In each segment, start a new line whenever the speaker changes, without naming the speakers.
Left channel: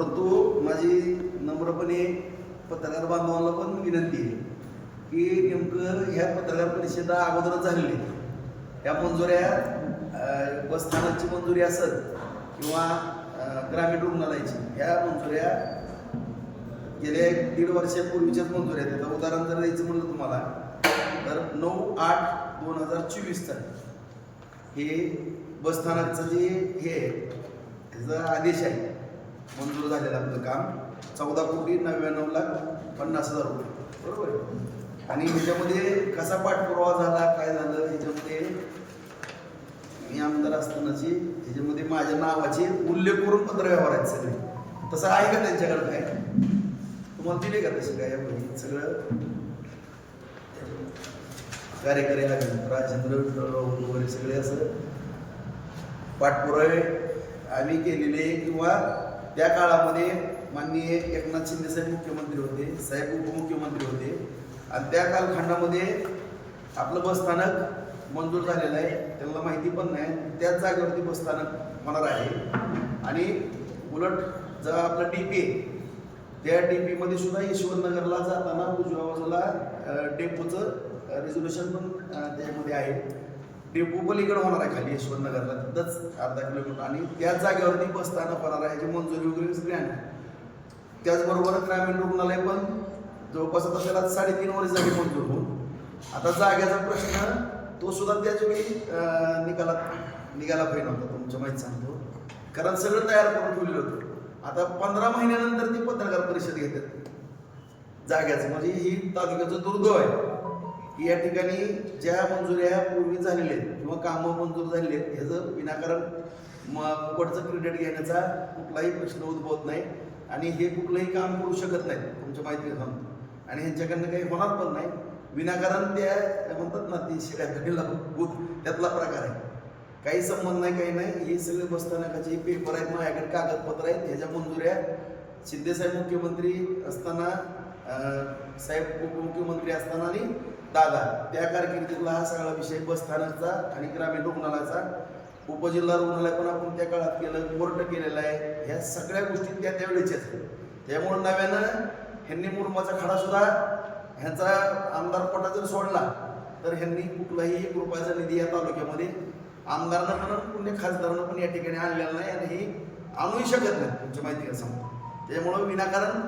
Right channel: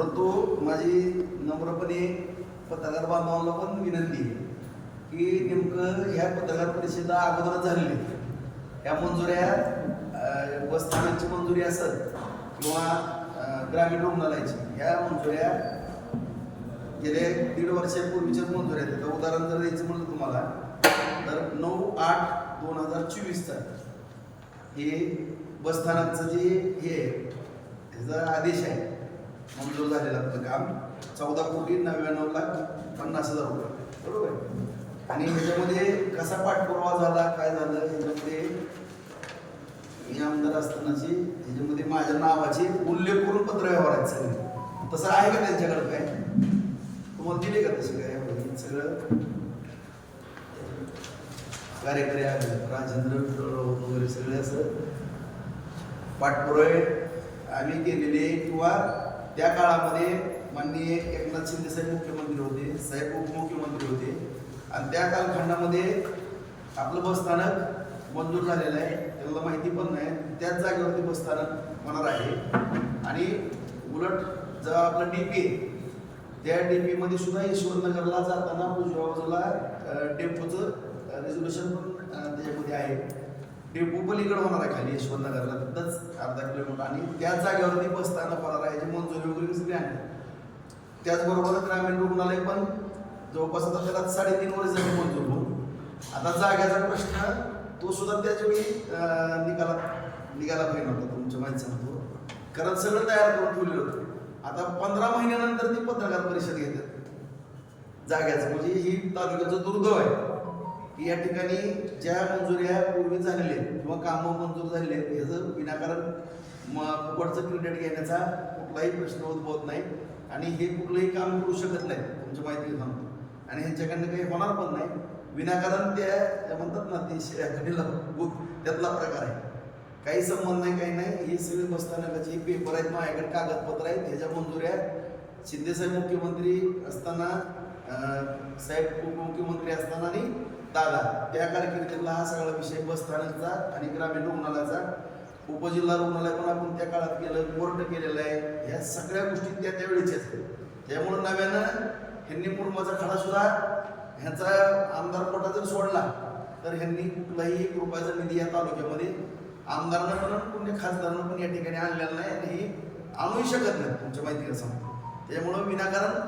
परंतु माझी नम्रपणे पत्रकार बांधवांना पण विनंती आहे की नेमकं ह्या पत्रकार परिषदा अगोदरच झालेली आहे. या मंजुऱ्या अं, बसस्थानाची मंजुरी असेल किंवा ग्रामीण रुग्णालयाची ह्या मंजुऱ्या गेल्या एक दीड वर्षापूर्वीच्याच मंजुऱ्या आहेत आता उदाहरण जर द्यायचं म्हणलं तुम्हाला तर नऊ आठ दोन हजार चोवीसचा हे बसस्थानकचं जे हे आहे, त्याचा आदेश आहे मंजूर झालेलं आपलं काम. चौदा कोटी नव्याण्णव लाख पन्नास हजार रुपये. बरोबर आहे? आणि ह्याच्यामध्ये कसा पाठपुरावा झाला काय झालं ह्याच्यामध्ये मी आमदार असतानाची ह्याच्यामध्ये माझ्या नावाचे उल्लेख करून पत्र व्यवहार आहेत सगळे. तसं आहे का त्यांच्याकडे काय? तुम्हाला दिले का तसे काय सगळं? कार्यकारी आले राजेंद्र विठ्ठल वगैरे सगळे असं पाठपुरावे आम्ही केलेले किंवा त्या काळामध्ये माननीय एकनाथ शिंदे साहेब मुख्यमंत्री होते साहेब उपमुख्यमंत्री होते. आणि त्या कालखंडामध्ये आपलं बसस्थानक मंजूर झालेलं आहे. त्यांना माहिती पण नाही. त्याच जागेवरती बसस्थानक होणार आहे. आणि उलट जर आपलं डी पी त्या डी पीमध्ये सुद्धा यशवंतनगरला जाताना उजव्या बाजूला डेपोचं रेझोल्युशन पण त्याच्यामध्ये आहे. डेपो पलीकडे होणार आहे खाली यशवंतनगरला. तिथंच अर्धा किलोमीटर. आणि त्याच जागेवरती बसताना होणार आहे. याची मंजुरी वगैरे सगळी आणली त्याचबरोबर ग्रामीण रुग्णालय पण जवळपास आता त्याला साडेतीन वर्ष झाली मंजूर होऊन. आता जाग्याचा प्रश्न तो सुद्धा त्याच वेळी निकालात निघाला पाहिजे होता तुमच्या माहिती सांगतो. कारण सगळं तयार करून ठेवलेलं होतं. आता पंधरा महिन्यानंतर ती पत्रकार परिषद घेतात. जाग्याचं म्हणजे ही तालुक्याचं दुर्दैव आहे. की या ठिकाणी ज्या मंजुऱ्या पूर्वी झालेल्या आहेत किंवा कामं मंजूर झालेले आहेत ह्याचं विनाकारण म फुकटचं क्रेडिट घेण्याचा कुठलाही प्रश्न उद्भवत नाही. आणि हे कुठलंही काम करू शकत नाही तुमच्या माहिती सांगतो आणि ह्यांच्याकडनं काही होणार पण नाही. विनाकारण त्या त्या म्हणतात ना ती शिरा भूत त्यातला प्रकार आहे. काही संबंध नाही काही नाही. हे सगळे बसस्थानकाचे पेपर आहेत माझ्याकडे कागदपत्र आहेत. ह्याच्या मंजुऱ्या शिंदेसाहेब मुख्यमंत्री असताना साहेब उपमुख्यमंत्री असताना आणि दादा त्या कारकिर्दीतला हा सगळा विषय बसस्थानकचा आणि ग्रामीण रुग्णालयाचा उपजिल्हा रुग्णालय पण आपण त्या काळात केलं कोर्ट केलेलं आहे ह्या सगळ्या गोष्टी त्या त्यावेळेच्याच असतात त्यामुळे नव्यानं ह्यांनी मुरमाचा खडा सुद्धा ह्यांचा आमदार कोटा जर सोडला तर ह्यांनी कुठलाही एक रुपयाचा निधी या तालुक्यामध्ये आमदारांना पण कुठल्या खासदारांना पण या ठिकाणी आणलेला नाही आणि हे आणूही शकत नाही तुमच्या माहिती असं त्यामुळं विनाकारण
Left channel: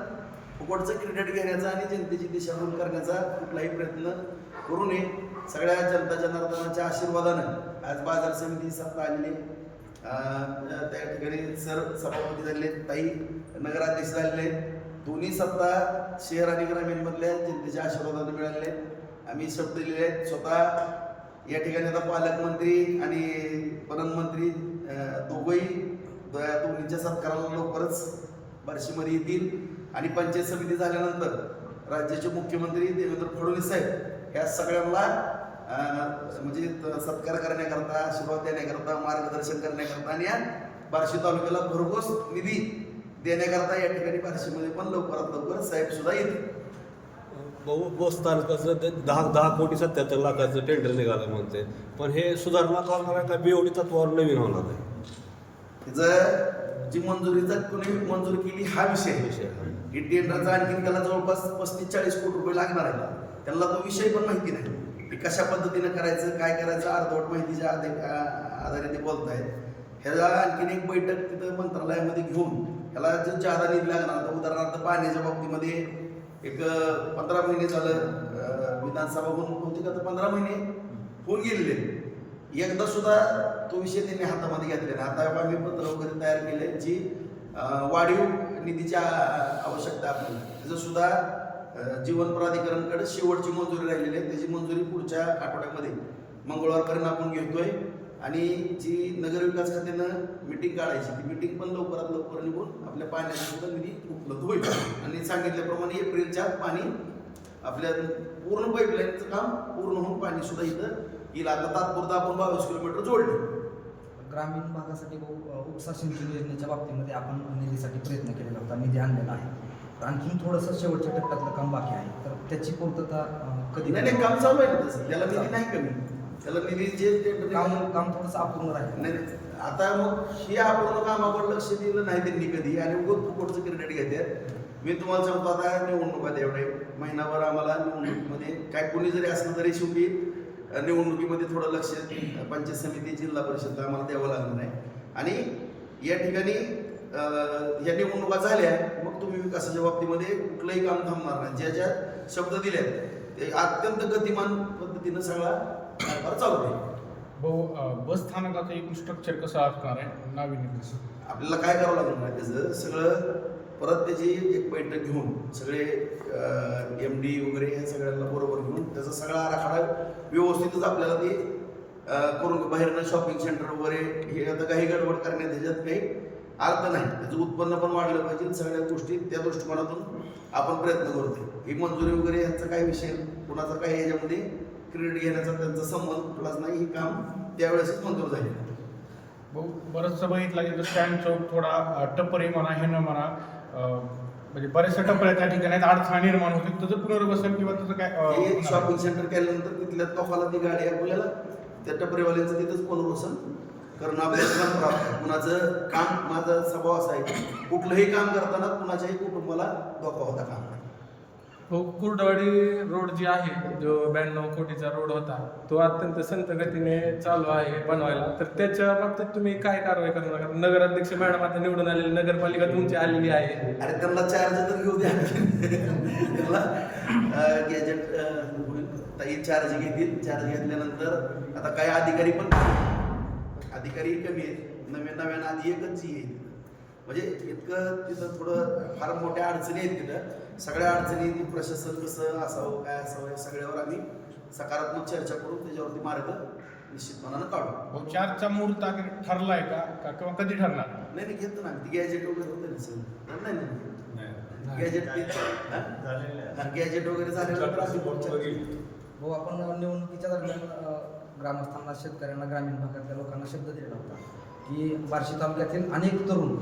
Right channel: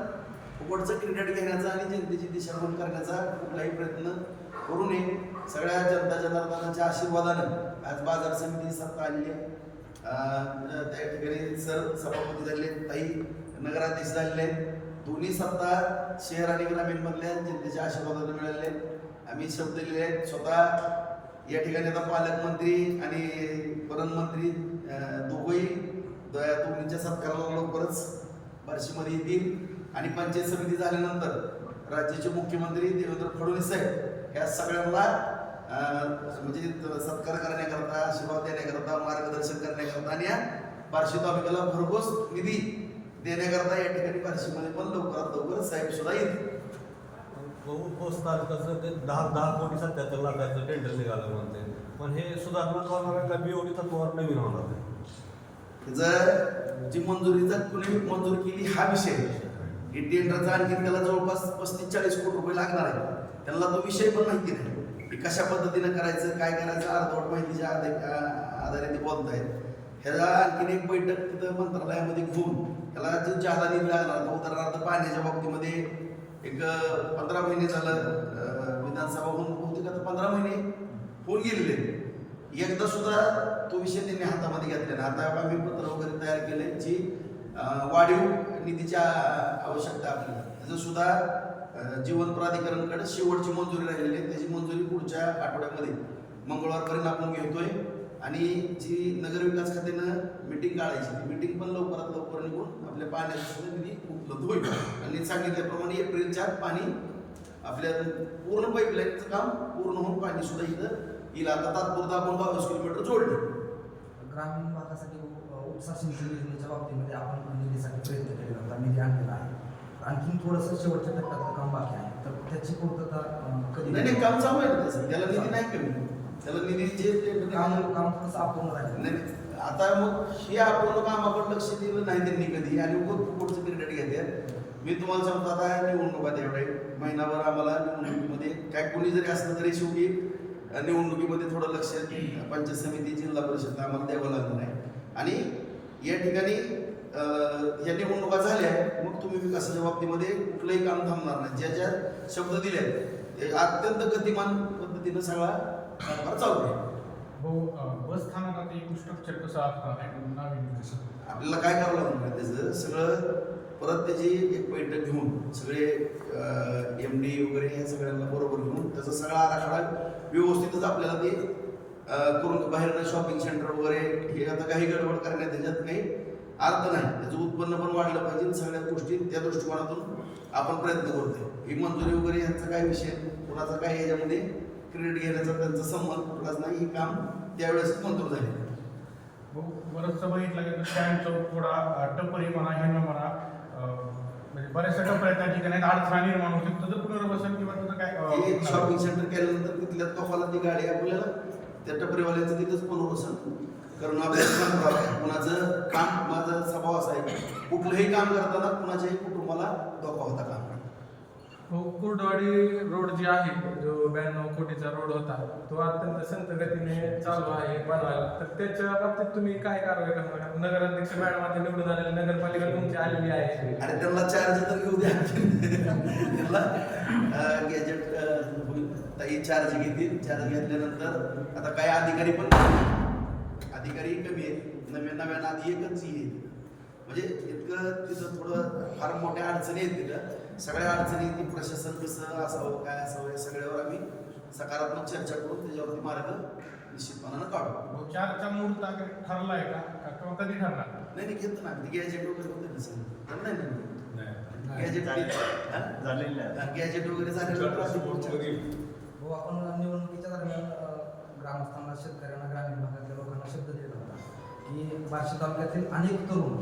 फुकटचं क्रेडिट घेण्याचा आणि जनतेची दिशाभूल करण्याचा कुठलाही प्रयत्न करू नये सगळ्या जनता जनार्दनाच्या आशीर्वादानं आज बाजार समिती सत्ता आलेली आहे. त्या ठिकाणी सर सभापती झालेले आहेत, ताई नगराध्यक्ष झालेले आहेत. दोन्ही सत्ता शहर आणि ग्रामीणमधल्या जनतेच्या आशीर्वादानं मिळाले आहेत. आम्ही शब्द दिले आहेत स्वतः या ठिकाणी आता पालकमंत्री आणि प्रधानमंत्री दोघंही द- दोन्हीच्या सत्काराला लवकरच बार्शीमध्ये येतील आणि पंचायत समिती झाल्यानंतर राज्याचे मुख्यमंत्री देवेंद्र फडणवीस साहेब या सगळ्यांना म्हणजे सत्कार करण्याकरता आशीर्वाद देण्याकरता मार्गदर्शन करण्याकरता आणि या बार्शी तालुक्याला भरघोस निधी देण्याकरता या ठिकाणी बार्शीमध्ये पण लवकरात लवकर साहेब सुद्धा येतील.
बहु बस स्थानकाचं ते दहा दहा कोटी सत्याहत्तर लाखाचं टेंडर निघालं म्हणते. पण हे सुधारणा करणाऱ्या बीओडी तत्वावर नवीन होणार आहे.
त्याचं जी मंजुरीचा कोणी मंजूर केली हा विषय.
विषय.
इंडियनचा टेंडरचा आणखी त्याला जवळपास पस्तीस चाळीस कोटी रुपये लागणार आहे त्यांना तो विषय पण माहिती नाही. की कशा पद्धतीनं करायचं काय करायचं अर्धवट माहितीच्या आधारे आधारे ते बोलत आहेत ह्याला आणखीन एक बैठक तिथं मंत्रालयामध्ये घेऊन त्याला जो जादा निधी लागणार तो उदाहरणार्थ पाण्याच्या बाबतीमध्ये एक पंधरा महिने झालं विधानसभा होऊन बहुतेक आता पंधरा महिने होऊन गेलेले. एकदा सुद्धा तो विषय त्यांनी हातामध्ये घेतला आता आम्ही पत्र वगैरे तयार केले जी वाढीव निधीची आवश्यकता आपल्याला. त्याचं सुद्धा जीवन प्राधिकरणकडे शेवटची मंजुरी राहिलेली आहे. त्याची मंजुरी पुढच्या आठवड्यामध्ये मंगळवारपर्यंत आपण घेतोय. आणि जी नगरविकास खात्यानं मिटिंग काढायची ती मिटिंग पण लवकरात लवकर निघून आपल्या पाण्याचा सुद्धा निधी उपलब्ध होईल. आणि सांगितल्याप्रमाणे एप्रिलच्या पाणी आपल्या पूर्ण पाईपलाईनचं काम पूर्ण होऊन पाणी सुद्धा इथं येईल. आता तात्पुरता आपण बावीस किलोमीटर जोडले.
ग्रामीण भागासाठी सिंचन योजनेच्या बाबतीमध्ये आपण निधीसाठी प्रयत्न केलेला होता निधी आणलेला आहे. तर आणखीन थोडंसं शेवटच्या टप्प्यातलं काम बाकी आहे. तर त्याची पूर्तता कधी
नाही नाही काम चालू आहे ना तसं. त्याला निधी नाही कमी. त्याला निधी जे
काम काम थोडंसं अपूर्ण राहिलं.
नाही. आता मग हे अपूर्ण कामाकडे लक्ष दिलं नाही त्यांनी कधी. आणि उगत फुकटचं क्रिकेट घेते. मी तुम्हाला सांगतो आता निवडणूक आहे तेवढे महिनाभर आम्हाला निवडणुकीमध्ये काय कोणी जरी असलं तरी शेवटी निवडणुकीमध्ये थोडं लक्ष पंचायत समिती जिल्हा परिषद आम्हाला द्यावं लागणार आहे. आणि या ठिकाणी ह्या निवडणुका झाल्या मग तुम्ही विकासाच्या बाबतीमध्ये कुठलंही काम थांबणार नाही. ज्या ज्या शब्द दिले ते अत्यंत गतिमान पद्धतीनं सगळा कारभार चालू आहे.
भाऊ अं, बस स्थानकाचं एकूण स्ट्रक्चर कसं असणार आहे नाविन्य
आपल्याला काय करावं लागणार आहे त्याचं? सगळं परत त्याची एक बैठक घेऊन सगळे एम डी वगैरे ह्या सगळ्यांना बरोबर घेऊन त्याचा सगळा आराखडा व्यवस्थितच आपल्याला ते करून बाहेरनं शॉपिंग सेंटर वगैरे हे आता काही गडबड करण्यात त्याच्यात काही अर्थ नाही. त्याचं उत्पन्न पण वाढलं पाहिजे सगळ्या गोष्टी त्या दृष्टिकोनातून आपण प्रयत्न करतोय. ही मंजुरी वगैरे ह्याचा काय विषय कुणाचा काय ह्याच्यामध्ये क्रेडिट घेण्याचा त्यांचा संबंध कुठलाच नाही ही काम त्यावेळेसच मंजूर झाले.
भाऊ बरंचसं बघितलं की स्टँड चौक थोडा टपरी म्हणा हे न म्हणा म्हणजे बऱ्याचशा टपऱ्या त्या ठिकाणी अडथळा निर्माण होते तुझं पुनर्वसन किंवा तुझं काय
शॉपिंग? सेंटर केल्यानंतर तिथल्या तोफाला ती गाडी आपल्याला त्या टपरीवाल्यांचं तिथंच पुनर्वसन करणं आपल्याला काम करावं कुणाचं काम माझा स्वभाव असा आहे कुठलंही काम करताना कुणाच्याही कुटुंबाला धोका होता काम
हो कुर्डवाडी रोड जे आहे जो ब्याण्णव कोटीचा रोड होता तो अत्यंत संत गतीने चालू आहे बनवायला. तर त्याच्या बाबतीत तुम्ही काय कारवाई करणार? नगराध्यक्ष मॅडम आता निवडून आलेली नगरपालिका तुमची आलेली आहे.
अरे त्यांना चार्ज तर घेऊ द्या. त्यांना गॅजेट होईल. ताई चार्ज घेतील. चार्ज घेतल्यानंतर आता काही अधिकारी पण अधिकारी कमी आहेत. नवीन नवीन आधी एकच येईल म्हणजे इतकं तिथं थोडं फार मोठ्या अडचणी आहेत तिथं. सगळ्या अडचणी प्रशासन कसं असावं काय असावं या सगळ्यावर आम्ही सकारात्मक चर्चा करून त्याच्यावरती मार्ग निश्चितपणानं काढू.
भाऊ चारचा मुहूर्त ठरलाय का? का- किंवा कधी ठरणार?
नाही नाही घेतो ना. ती गॅजेट वगैरे होतं ना सर नाही नाही गॅजेट गॅजेट वगैरे पुढच्या-
हो आपण निवडणुकीच्या दरम्यान ग्रामस्थांना शेतकऱ्यांना ग्रामीण भागातल्या लोकांना शब्द दिला होता की बार्शी तालुक्यातील अनेक तरुण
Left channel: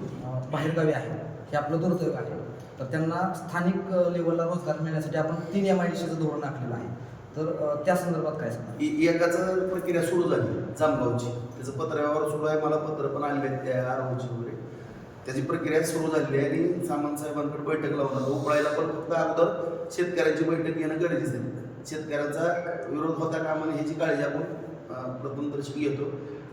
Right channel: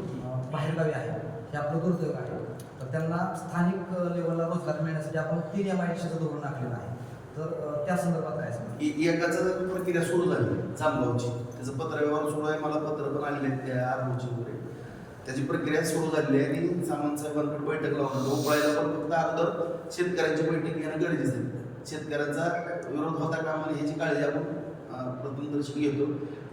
बाहेरगावी आहेत. हे आपलं दुर्दैव आहे. तर त्यांना स्थानिक लेवलला रोजगार मिळण्यासाठी आपण तीन एम आय डी सीचं धोरण आखलेलं आहे. तर त्या संदर्भात काय सांगा
एकाच एकाचं प्रक्रिया सुरू झाली जामगावची. त्याचं पत्र व्यवहार सुरू आहे. मला पत्र पण आलेले आहेत त्या आरोची वगैरे. त्याची प्रक्रिया सुरू झाली आहे आणि सामंत साहेबांकडे बैठक लावणार आता पण फक्त अगोदर शेतकऱ्यांची बैठक घेणं गरजेचं आहे. शेतकऱ्यांचा विरोध होता कामा ह्याची काळजी आपण अं, प्रथमदर्शक घेतो.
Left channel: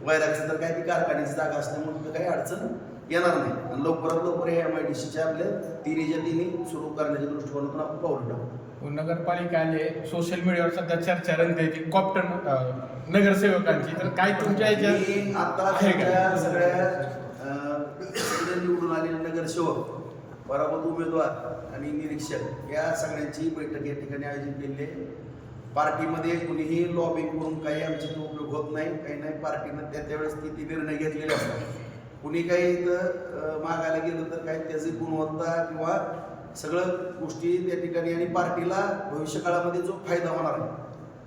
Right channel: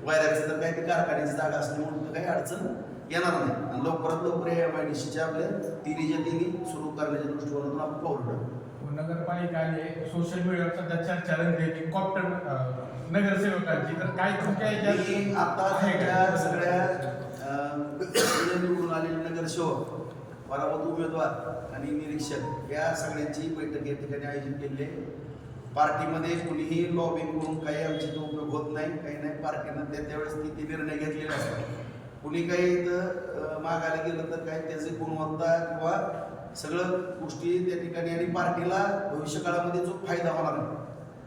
वैरागचं तर काय ती कारखान्याची जागा असल्यामुळे तर काही अडचण येणार नाही. आणि लवकरात लवकर या एम आय डी सीच्या आपल्या तिन्हीच्या तिन्ही सुरू करण्याच्या दृष्टिकोनातून आपण पाऊल टाकू
नगरपालिका आली सोशल मीडियावर सध्या चर्चा रंगते की कॉप्टर नगरसेवकांची. तर काय तुमच्या याच्यात
आता
आहे
सगळ्या इकडे निवडून आलेले नगरसेवक बरामत उमेदवार आणि निरीक्षक या सगळ्यांची बैठक या ठिकाणी आयोजित केली आहे. पार्टीमध्ये कुणीही लॉबिंग करून काही आमचे तो उपयोग होत नाही काही नाही. पार्टीनं त्या त्यावेळेस ती निर्णय घेतलेले असतात. कुणी काही इथं मागायला गेलं तर काही त्याची गुणवत्ता किंवा सगळं गोष्टी त्या ठिकाणी आणि पार्टीला भविष्यकाळामध्ये जो फायदा होणार आहे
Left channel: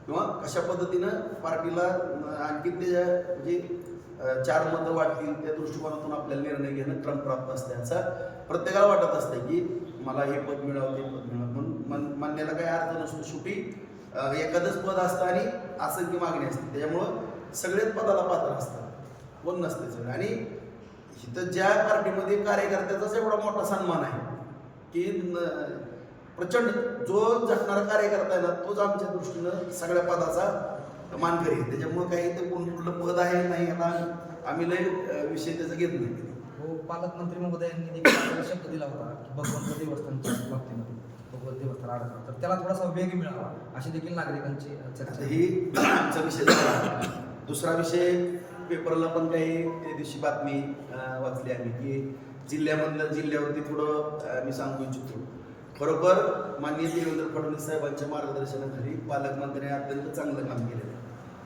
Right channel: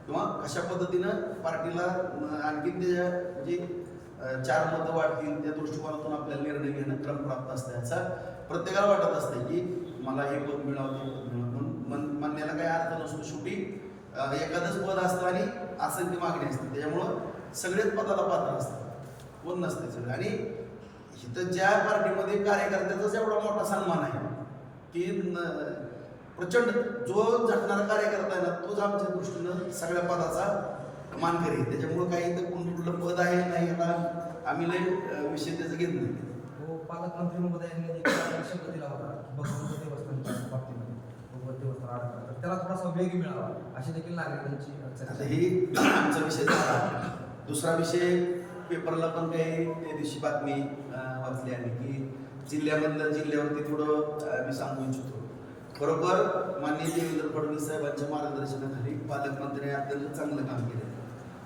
किंवा कशा पद्धतीनं पार्टीला आणखी त्याच्या म्हणजे चार मतं वाटतील त्या दृष्टिकोनातून आपल्याला निर्णय घेणं क्रमप्राप्त असतं. याचा प्रत्येकाला वाटत असतं की मला हे पद मिळावं ते पद मिळावं. पण मन मानण्याला काही अर्थ नसतो. शेवटी एखादंच पद असतं आणि असंख्य मागणी असते. त्याच्यामुळं सगळेच पदाला पात्र असतात. कोण नसते सगळं. आणि इथं ज्या पार्टीमध्ये कार्यकर्त्याचाच एवढा मोठा सन्मान आहे की न- प्रचंड जो झटणारा कार्यकर्ता आहे ना तोच आमच्या दृष्टीनं सगळ्या पदाचा मानकरी आहे. त्याच्यामुळे काही इथं कोण कुठलं पद आहे नाही याला आम्ही लय विषय त्याचा घेत नाही.
हो पालकमंत्री महोदयांनी शब्द दिला होता की भगवंत देवस्थानच्या बाबतीमध्ये भगवंत देवस्थान आराधना तर त्याला थोडासा वेग मिळावा अशी देखील नागरिकांची चर्चा.
आता ही आमचा विषय झाला. दुसरा विषय पेपरला पण काही त्या दिवशी बातमी वाचली आहे की जिल्ह्यामधलं जिल्ह्यावरती थोडं मी सांगू इच्छितो. बरोबर माननीय देवेंद्र फडणवीस साहेबांच्या मार्गदर्शनाखाली पालकमंत्र्यांनी अत्यंत चांगलं काम केलं.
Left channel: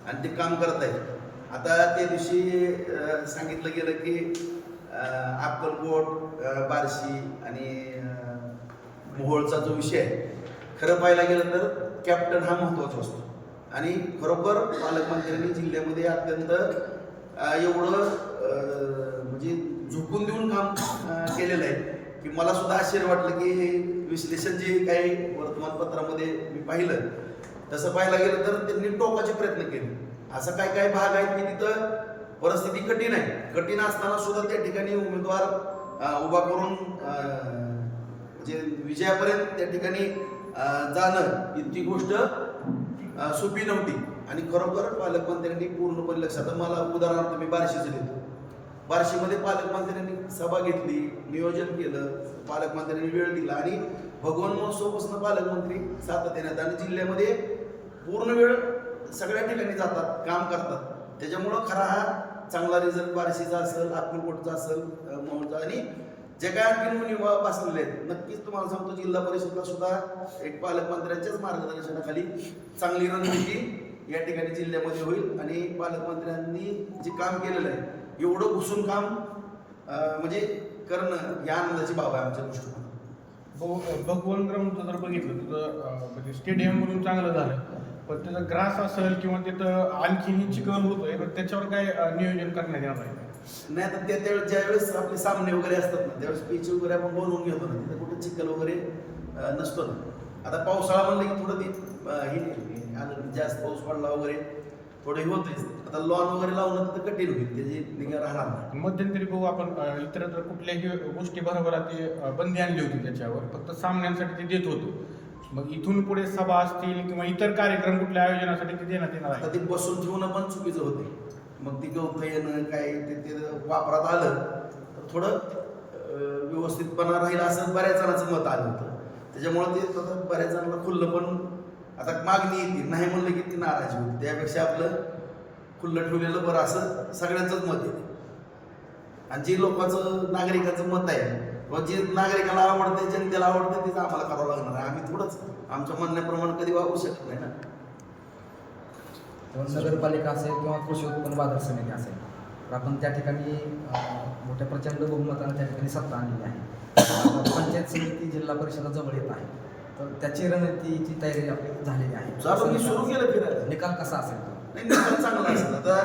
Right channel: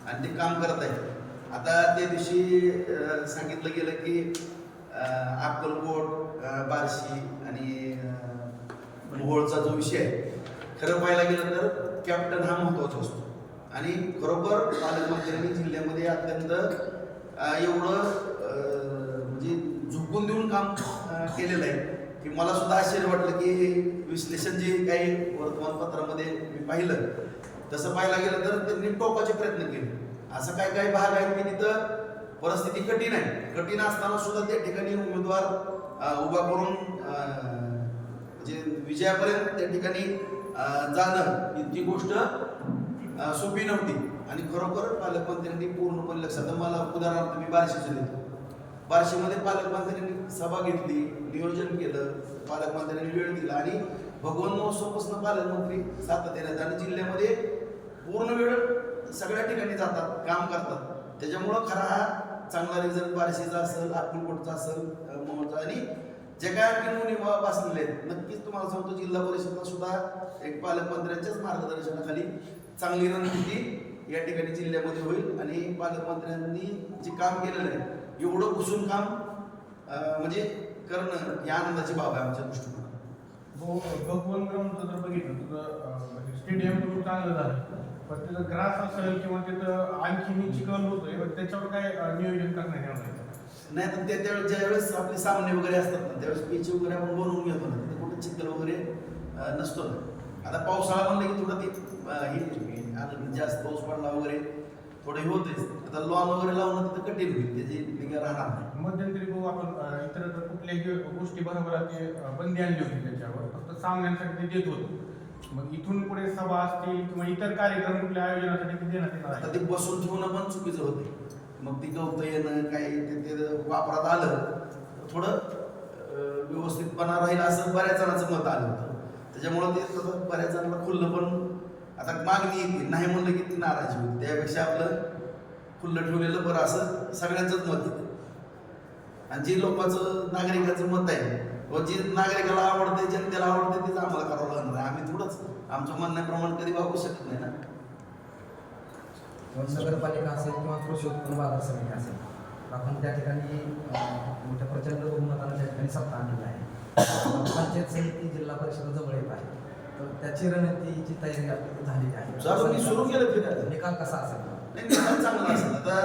आणि ते काम करत आहेत आता त्या दिवशी सांगितलं गेलं की अक्कलकोट बार्शी आणि मोहोळचा जो विषय आहे खरं पाहायला गेलं तर कॅप्टन हा महत्त्वाचा असतो. आणि खरोखर पालकमंत्र्यांनी जिल्ह्यामध्ये अत्यंत एवढं म्हणजे झोपून देऊन काम केलेलं आहे की मला सुद्धा आश्चर्य वाटलं की विश्लेषण जे काही वर्तमानपत्रामध्ये मी पाहिलं तसं पाहायला गेलं तर त्यांनी टोकाचे प्रयत्न केले. असं काही काही भाग आहेत की तिथं परिस्थिती कठीण आहे. कठीण असताना सुद्धा त्या ठिकाणी उमेदवार उभा करून म्हणजे विजयापर्यंत त्या ठिकाणी जाणं इतकी गोष्ट सोपी नव्हती. आणि खरोखर पालकमंत्र्यांनी पूर्णपणे लक्षात आता मला उदाहरणार्थ मी बार्शीचं देतो. बार्शीमध्ये पालकमंत्र्यांनी सभा घेतली नियोजन केलं पालकमंत्र्यांनी वेळ दिला आणि भगवान महोत्सवपासून पालकमंत्री सातत्याने आणि जिल्ह्यामध्ये पूर्ण वेळ सगळ्या ठिकाणी जातात काम करतात. त्याच्यामुळं खरा हा चांगला रिझल्ट बार्शीचा असेल अक्कलकोटचा असेल मोहचा आणि जे काय आणखी मुली बसलेले आहेत नक्कीच तुम्हाला सांगतो जिल्हा परिषदला सुद्धा एक पालकमंत्र्यांच्याच मार्गदर्शनाखाली चांगली रणनीती या ठिकाणी जिल्ह्यामध्ये होईल. आणि पालकमंत्र्यांनी जे काम केलेलं आहे एवढं घुसून काम म्हणजे करणं ही आनंदाची बाब आहे आमच्या दृष्टिकोनात
भगवान ग्राउंडचं जर बघितलं तुझं म्हणजे स्टेडियम म्हणून चांगलं झालं पण त्याचं ग्रास असेल किंवा तिथं आणखी चिकल आहे पण त्याच्यावर काय नियोजन करण्यात येणार नाही.
नाही तर त्या त्यावेळेस ज्यावेळेस आपले सामने वगैरे असतात ना त्यावेळेस पिच वगैरे आपण बनवून घेतो ना तिथे कुठे चिखल वगैरे नसतो ना. आता पावसाळा म्हणलं की थोडं ती हे आलं जास्त पाऊस पडला वगैरे थोडं हे होतंच आता लॉन वगैरे लावणं तिथं कठीण होईल त्याची निगा राहणार नाही.
मध्यंतरी बघू आपण इतर तर कुठल्याही गोष्टी बरोबर ते बंदी आणली होती त्याच्यावर. फक्त सामन्यांसाठी ते देत होतं. मग इथून पुढे सभा असतील किंवा इतर कार्यक्रम कुठल्या आयोजनासाठी ते देण्यात येणार
आता ते बसून ठेवणं पण चुकीचं होते मग ती गवतं येणं काय ते ते वापरात आलं तर थोडं व्यवस्थितपणा राहील असं बऱ्याच जणांचं मत आलं होतं. त्याच्यामुळं ते थोडं बऱ्याच जणांना खुल्लं पण आता मागणी येते. नाही म्हणलं की ती नाराजी होती. त्यापेक्षा आपलं खुल्लं ठेवलेलं बरं असं सगळ्यांचंच मत येते. आणि जे लोकांचं नागरिकाचं मत आहे व जे नागरिकाला आवडते जनतेला आवडते तेच आम्हाला करावं लागणार आहे. आम्ही थोडंच आमच्या म्हणण्याप्रमाणे कधी वागू शकत नाही ना.
किंवा नगरपालिका असेल किंवा कृषी उत्पन्न बाजार समिती असेल तर आपण त्या ठिकाणी मोठ्या प्रचंड बहुमतानं त्या ठिकाणी सत्ता आणलेली आहे. पंचायत समिती जिल्हा परिषद जवळ येत आहे. तर त्याची रणनीतीची तयारी आपली झालेली आहे.
चालू मी सुरू केलं फिरायला.
निकाल कसा असेल?
नाही निकाल चांगला असेल. आता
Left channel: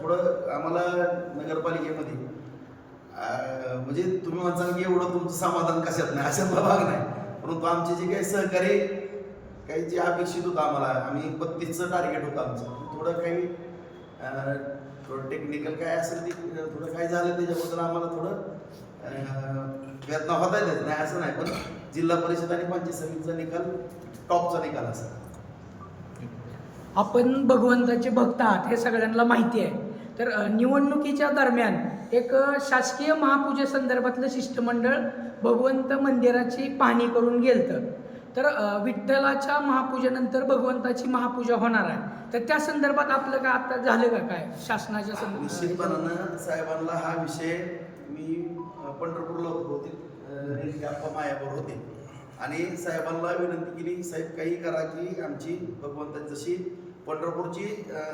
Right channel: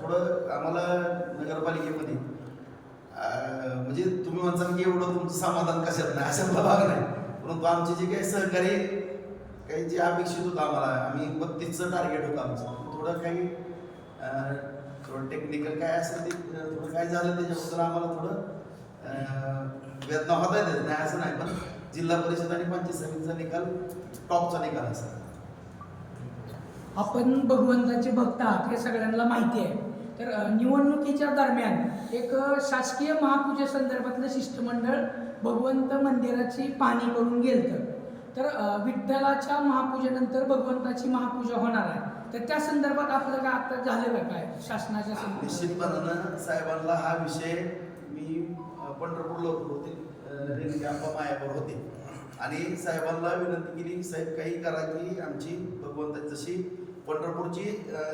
थोडं आम्हाला नगरपालिकेमध्ये म्हणजे तुम्ही म्हणसाल की एवढं तुमचं समाधान कशात नाही अशातला भाग नाही. परंतु आमचे जे काही सहकारी काही जे अपेक्षित होतं आम्हाला आम्ही बत्तीसचं टार्गेट होतं आमचं. थोडं काही थोडं टेक्निकल काय असेल ते थोडं काय झालं त्याच्याबद्दल आम्हाला थोडं वेदना होता येत नाही असं नाही पण जिल्हा परिषद आणि पंचायत समितीचा निकाल टॉपचा निकाल असेल.
आपण भगवंताचे भक्त आहात हे सगळ्यांना माहिती आहे. तर निवडणुकीच्या दरम्यान एक शासकीय महापूजेसंदर्भातलं शिष्टमंडळ भगवंत मंदिराची पाहणी करून गेलं तर विठ्ठलाच्या महापूजेनंतर भगवंताची महापूजा होणार आहे. तर त्या संदर्भात आपलं काय आता झालं का काय? शासनाच्या
निश्चितपणानं साहेबांना हा विषय मी पंढरपूरला होते अप्पा मायावर होते. आणि साहेबांना विनंती केली साहेब काही करा की आमची भगवंताची जशी पंढरपूरची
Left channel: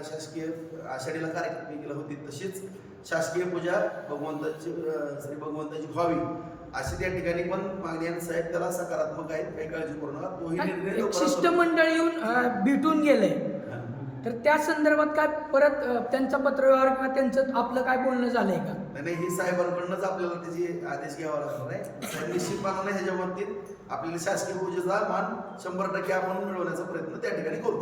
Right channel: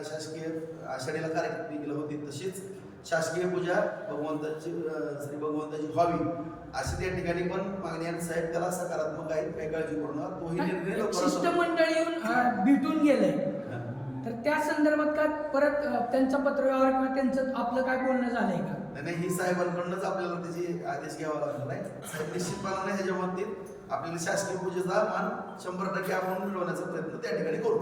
शासकीय आषाढीला कार्यक्रम केला होती तशीच शासकीय पूजा भगवंताची श्री भगवंताची व्हावी. अशी त्या ठिकाणी पण मागणी आणि साहेब त्याला सकारात्मक आहेत काही काळजी करू नका. तोही निर्णय
शिष्टमंडळ येऊन भेटून गेलंय
हा.
तर त्या संदर्भात काय परत अ, त्यांचा पत्रव्यवहार किंवा त्यांचं आपलं काय बोलणं झालंय का?
नाही नाही, ही साहेबांकडूनच आपल्याला त्याची आदेश घ्यावा लागणार आहे. तर निश्चितपणाने ह्याच्या बाबतीत आपल्याला शासकीय पूजेचा मान शंभर टक्के आपण मिळवण्याचा प्रयत्न त्या ठिकाणी करू.